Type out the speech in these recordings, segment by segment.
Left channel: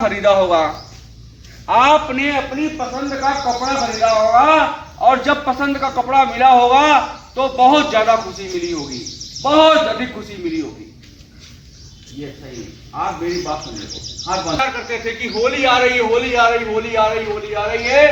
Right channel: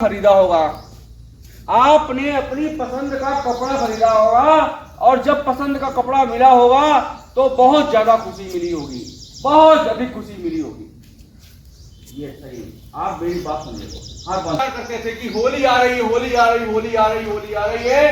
खरीदा होगा, आपने अपनी पसंद का कपड़ा खरीदा होगा और जब पसंद का कपड़ा मिला होगा तो बहुत ज्यादा खुशी मिली होगी, बहुत अधिक खुशी मिली होगी। ये सही, आप मेरी बात सुन लो। हाँ, बात करते थे कि होली आ रही है, होली आ रही, होली आ रही, होली आ रही है,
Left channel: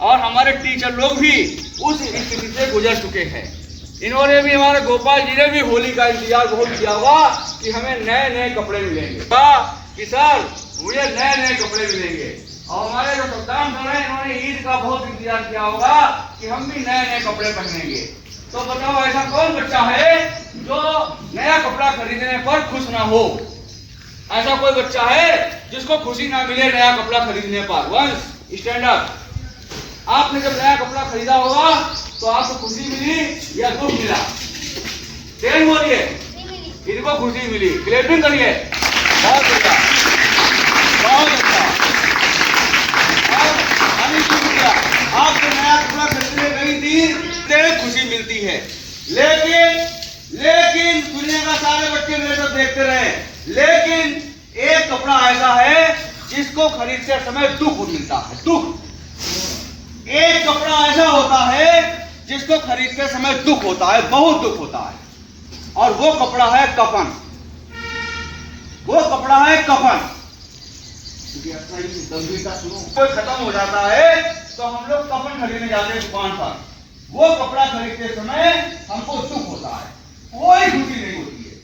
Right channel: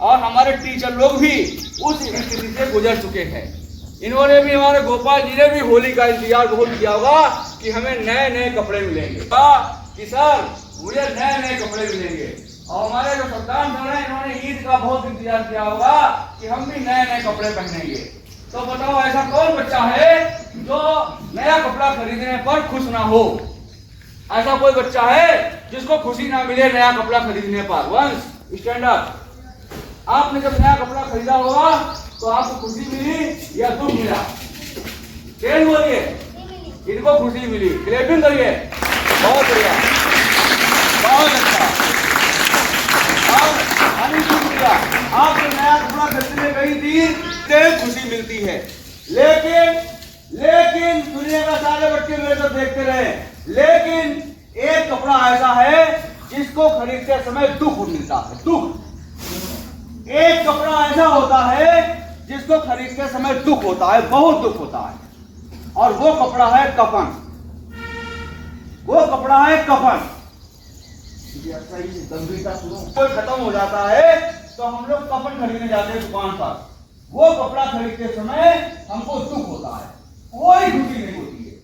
और हमारे टीचर लोग भी उस स्थिति से गुजर चुके हैं। इन्होंने भी, हमारे गोपाल जी ने भी होली का इंतजार बहुत किया होगा कि हमें नए नए कपड़े मिलेंगे, कि सर मुझे नए नए कपड़े मिलेंगे। और हमारे जो सद्दाम सर हैं, इन्होंने ईद का बहुत इंतजार किया होगा कि हम भी नए नए कपड़े पहनेंगे। तो बताओ, ऐसा कौन बच्चा है जो नया कपड़ा खरीदने पर खुश ना हो? ऐसा कोई बच्चा है जिसको खुशी ना मिले नया कपड़ा खरीदने पर? वंश स्टैंड अप। आपने जब नया कपड़ा खरीदा होगा तो आपको खुशी मिली या दुख मिला? तेज बोलिए। इनको खुशी मिली, क्लैपिंग करिए। बहुत बढ़िया, बहुत अच्छा। और आपने नया कपड़ा खरीदने गई थी, तेरे खुशी मिलती है, लेकिन दुनिया का सारे बच्चे मेरे को देखते रहे, लेकिन एक कपड़ा ऐसा है जिसको खरीदते समय दुख मिलता है। दुख, एक कपड़ा ऐसा होता है जिसको खरीदते समय दुख होता है, बहुत दुख होता है, और वो कपड़ा है कफन। वो कपड़ा है कफन। गंभीरता सुनो, कोई खत्म हो जाता है तो हम लोग कफन खरीदने जाते हैं दुकान पर। वो कपड़ा खरीदते समय हमको दुख होता है, कोई खुशी नहीं होती है।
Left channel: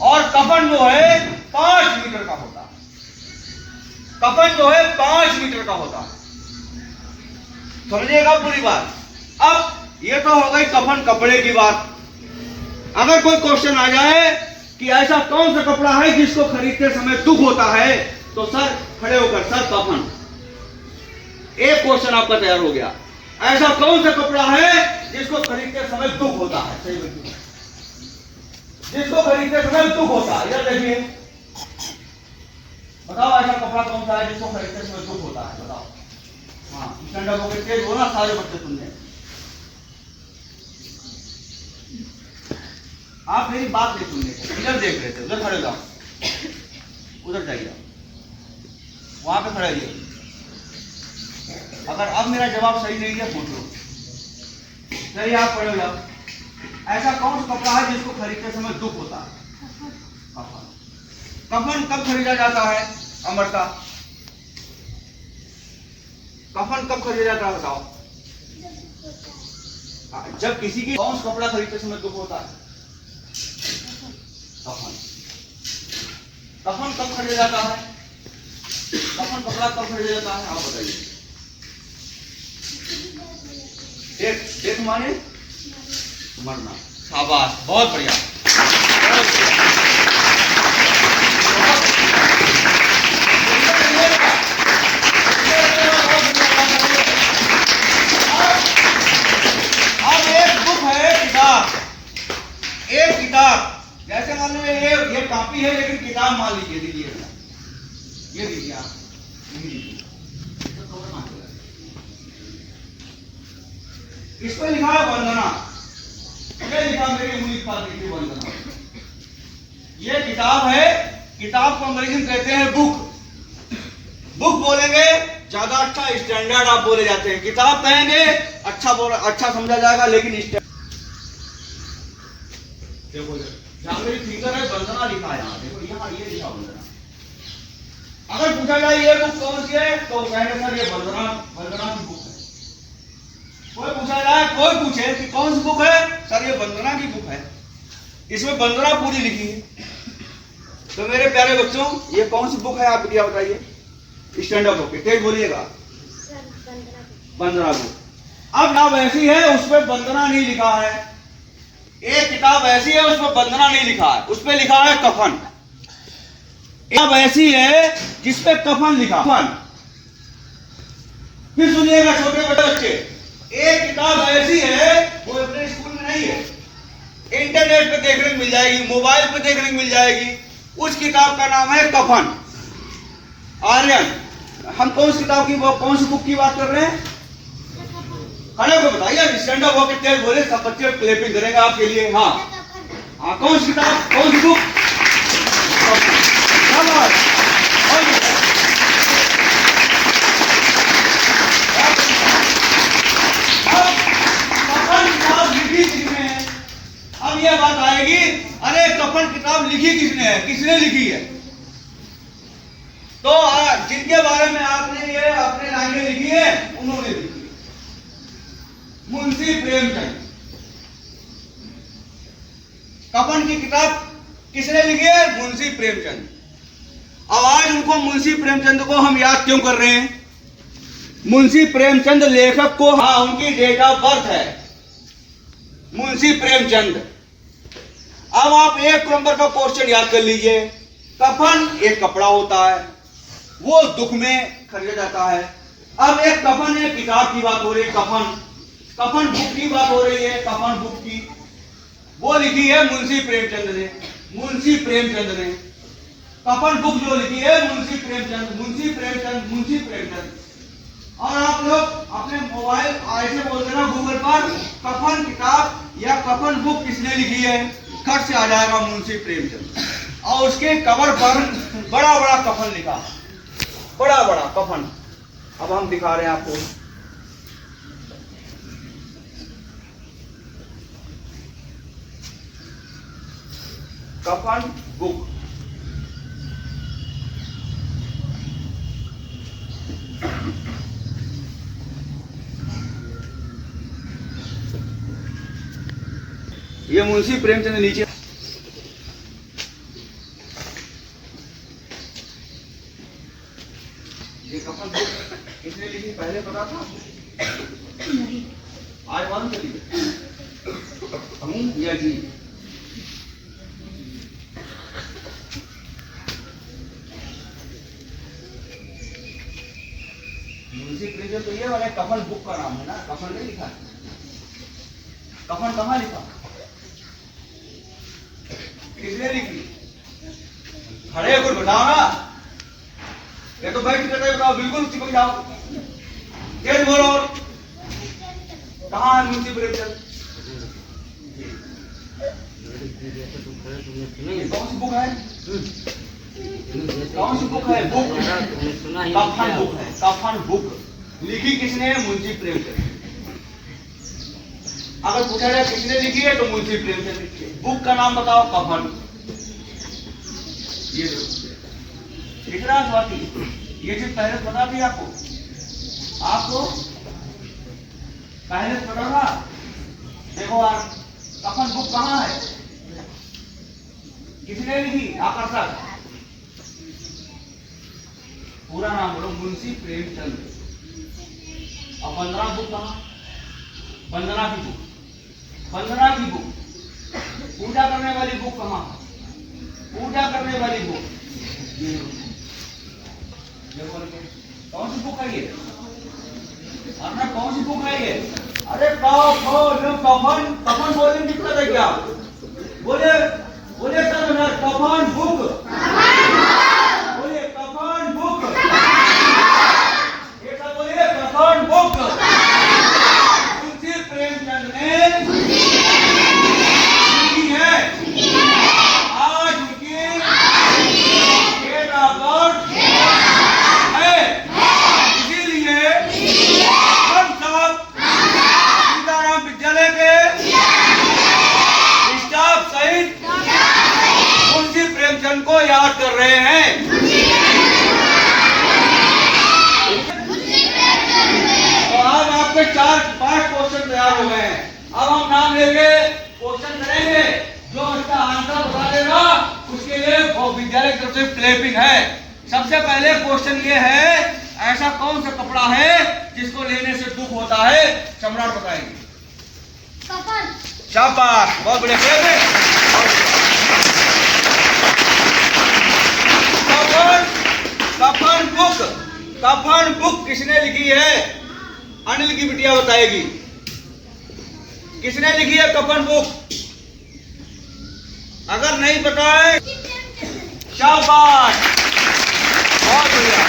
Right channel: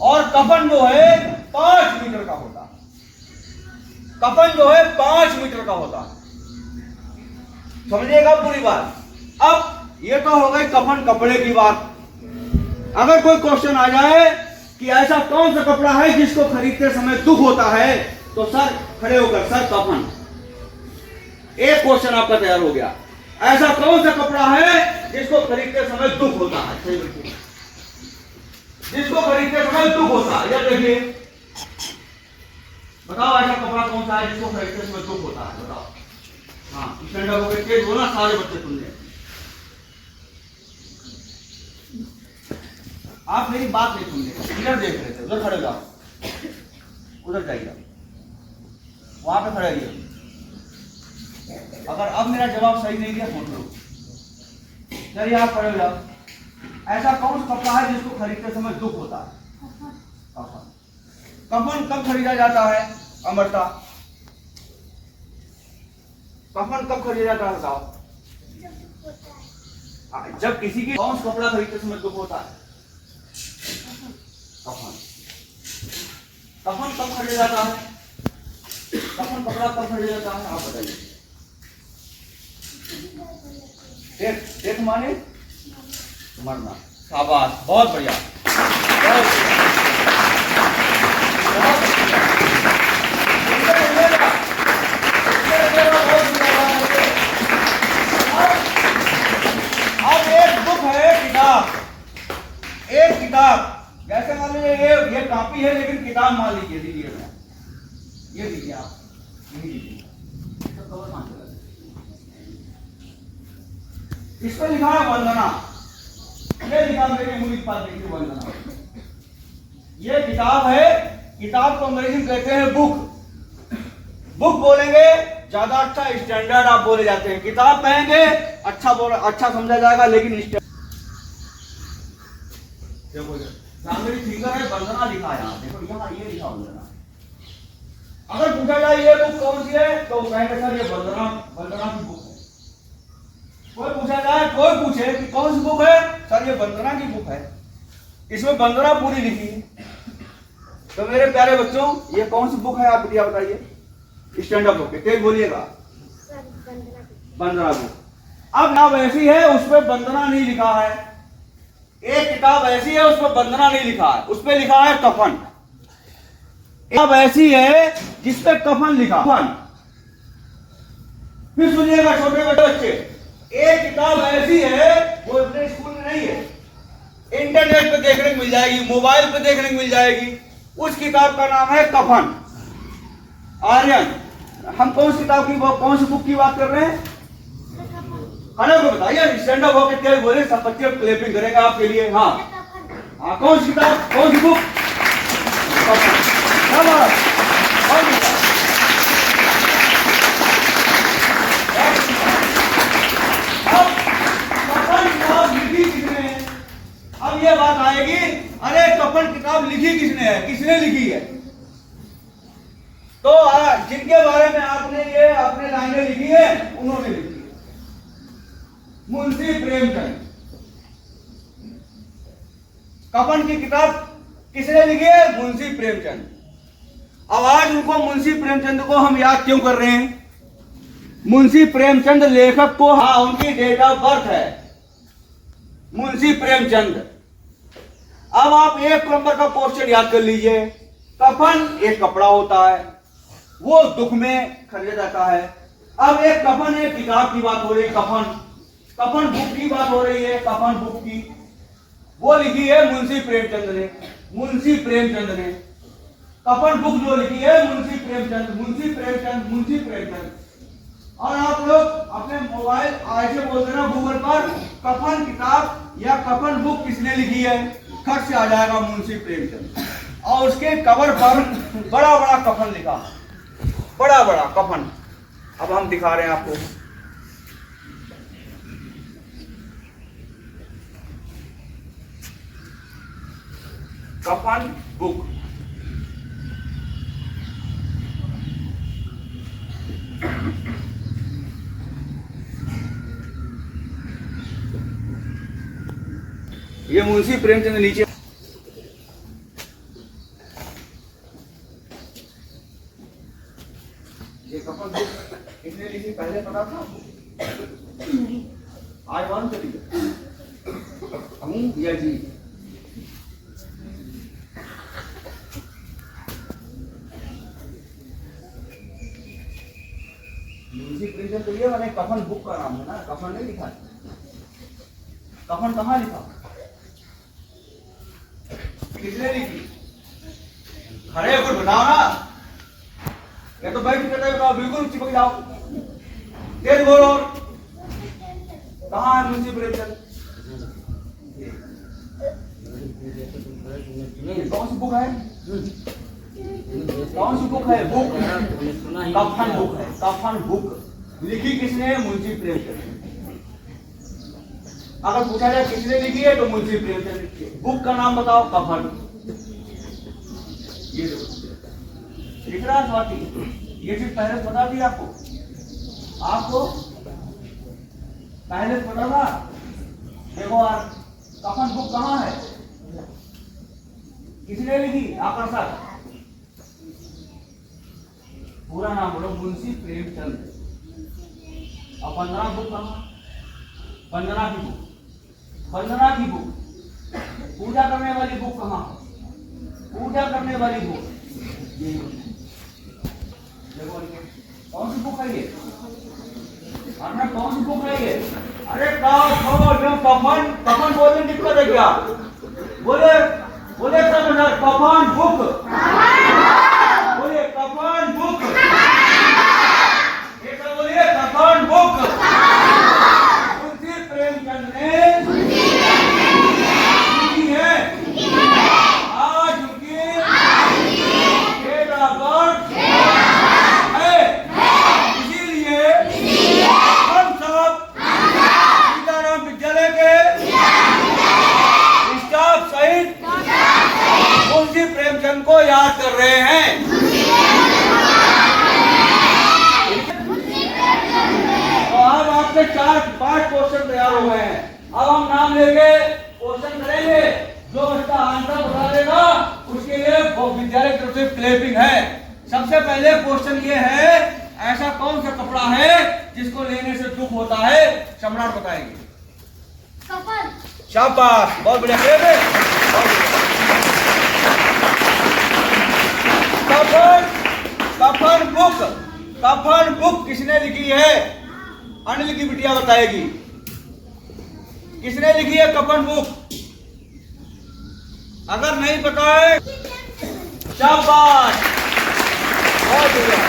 और कफन जो है 5 मीटर का होता है। कफन जो है 5 मीटर का होता है, समझिएगा पूरी बात। अब ये तो हो गई कफन कपड़े की बात। अगर कोई क्वेश्चन आ जाए कि ऐसा कौन सा कपड़ा है जिसको खरीदते समय दुख होता है, तो सर खड़े होकर, सर कफन। एक क्वेश्चन आपका तैयार हो गया। ऐसा कौन सा कपड़ा है जिसको खरीदते समय दुख होता है? जिसको खरीदते समय दुख होता है, यह देखिए, बताओ ऐसा कपड़ा कौन सा है जिसको खरीदते समय दुख होता है? बताओ। हाँ, स्टैंड अप होकर तेज बोला, सारे बच्चे सुनने। आप मेरी बात नहीं सुनने का, इधर देख रहे थे, उधर खड़े हो जाओ, उधर जाइए, वहां पे खड़े रहिए। अगर अब मेरा जवाब सही नहीं है पूछ लो। चलिए आप खड़े हो जाओ। ऐसा कौन सा कपड़ा है जिसको खरीदते समय दुख होता है? कफन। कफन कब खरीदा जाता है अमृता? कफन कब खरीदा जाता है बताओ? जब किसी की, कौन सा कपड़ा खरीदते समय दुख होता है? कफन। कफन कब खरीदा जाता है? कफन कपड़ा कब खरीदा जाता है, आप बताइए। डेथ माने मरना। शाबाश, बहुत बढ़िया, बहुत बढ़िया, बहुत अब एक बुक है, किताब, एक किताब, जैसे मान लीजिए ये कॉपी है, लेकिन किताब मान लीजिए, दीजिए, ये दीजिए आप, इस पर लिखा है वंदना। ये लिखा मेरी उंगली पर, देखिए वंदना। ये किताब है, किताब को अंग्रेजी में कहते हैं बुक। बुक बोलेंगे ज्यादा अच्छा, स्टैंडर्ड आप बोले जाते हैं। किताब कहेंगे अच्छा समझा जाएगा, लेकिन देखो जहां मेरी फिंगर है, वंदना लिखा है, यहाँ देखो, यहाँ ये लिखा वंदना। अगर पूछा जाए ये बुक कौन सी है, तो कहेंगे सर ये वंदना की बुक है। कोई पूछा जाए, कोई पूछे कि कौन सी बुक है, सर ये वंदना की बुक है, इसमें वंदना पूरी लिखी है। तो मेरे प्यारे बच्चों, ये कौन सी बुक है आप क्या बताइए? स्टैंड अप होके तेज बोलिएगा। वंदना बुक। अब किताब ऐसी है उसमें वंदना नहीं लिखा है, एक किताब ऐसी है उसमें वंदना नहीं लिखा है, उसपे लिखा है कफन। किताब ऐसी है जिसपे कफन लिखा, कफन। फिर सुनिएगा छोटे बच्चे, एक किताब ऐसी है, वो अपने स्कूल में नहीं है, इंटरनेट पे देखने को मिल जाएगी, मोबाइल पे देखने को मिल जाएगी। उस किताब का नाम है कफन। आर्यन, हम कौन सी किताब की, कौन सी बुक की बात कर रहे हैं? खड़े होकर बताइए, स्टैंड अप होकर तेज बोले, सब बच्चे क्लैपिंग करेंगे आपके लिए। हाँ हाँ, कौन सी किताब, कौन सी बुक? कफन। लिखी किसने है, किसने लिखी है? तो जिनके बारे में आपने ये अपने लाइनें लिखी है उन्होंने लिखी है, मुंशी प्रेमचंद। कफन की किताब किसने लिखी है? मुंशी प्रेमचंद। अब आज उनको मुंशी प्रेमचंद को हम याद क्यों कर रहे हैं? मुंशी प्रेमचंद लेखक को, हाँ, उनकी डेट ऑफ बर्थ है मुंशी प्रेमचंद। अब आप एक नंबर का क्वेश्चन याद कर लीजिए। कफन एक कपड़ा होता है, वो दुख में खरीदा जाता है। अब एक कफन है, किताब की बात हो रही है, कफन बुक की बात हो रही है, कफन बुक की, वो लिखी है मुंशी प्रेमचंद ने। मुंशी प्रेमचंद ने कफन बुक जो लिखी है मुंशी प्रेमचंद। और आप लोग अपने मोबाइल ऐसे बोल देना गूगल पर कफन किताब या कफन बुक किसने लिखी है, खट से आ जाएगा मुंशी प्रेमचंद। और उसके कवर पर बड़ा बड़ा कफन लिखा, बड़ा बड़ा कफन। अब हम दिखा रहे हैं आपको। कफन बुक, ये मुंशी प्रेमचंद नीचे। ये कफन बुक किसने लिखी पहले पता था? आज मालूम चली या जी? मुंशी प्रेमचंद तो ये वाले कफन बुक का नाम है ना, कफन नहीं लिखा। कफन कहाँ लिखा, किसने लिखी? खड़े होकर बताओ ना, ये तो बैठ के बताओ, बिल्कुल चिपक जाओ, तेज बोलो। कहाँ है मुंशी प्रेमचंद? कौन सी बुक है? कौन सी बुक है? बुक कफन बुक है। कफन बुक लिखी किसने है? मुंशी प्रेमचंद। अगर पूछा जाए किसने लिखी है तो मुंशी प्रेमचंद लिखी है। बुक का नाम बताओ, कफन। ये कितना स्वाति, ये चीज पहले पता थी आपको? आपको पहले पता था? देखो यार, कफन बुक कहाँ है, किसने लिखी? आकर्षक। पूरा नाम बोलो, मुंशी प्रेमचंद। अब वंदना बुक कहाँ? वंदना की बुक, वंदना की बुक। पूजा करने वाली बुक कहाँ? पूजा करने वाली बुक। कौन सी बुक है ये? अरे कौन सी बुक है ये? अरे कफन, कफन बोलने की दिक्कत है क्या? बोले बोले सर, कफन बुक, बोले कफन बुक, ये सब बोलिए, कफन बुक। मुंशी प्रेमचंद ने लिखी है। आज उनकी डेट ऑफ बर्थ है, इसीलिए हम सब सीताराम विद्यालय के स्टाफ सहित मुंशी प्रेमचंद को याद कर रहे हैं। तो अब आपके 4-5 क्वेश्चन तैयार हो गए हैं। अब हम नाम लेके क्वेश्चन करेंगे, जो उसका आंसर बता देगा उसके लिए वो विद्यालय की तरफ से क्लैपिंग है। सबसे पहले क्वेश्चन ये है, ऐसा कौन सा कपड़ा है जिसको लेने से दुख होता है? सम्राट बताएंगे। शाबाश, बहुत बढ़िया। कफन बुक, कफन बुक किसने लिखी है? अनिल की बिटिया बताएगी किसने लिखी है कफन बुक। अगर नहीं पता है, शाबाश, बहुत बढ़िया।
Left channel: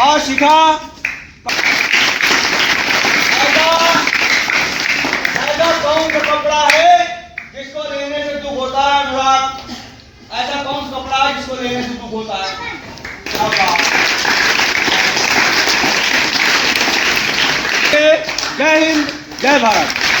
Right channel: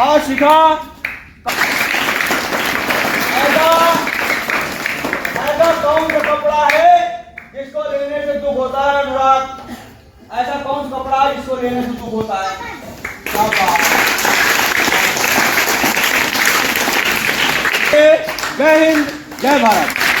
और शिखा, ऐसा कौन सा कपड़ा है जिसको लेने से दुख होता है? अनुराग, ऐसा कौन सा कपड़ा है जिसको लेने से दुख होता है? जय हिंद। जय भारत।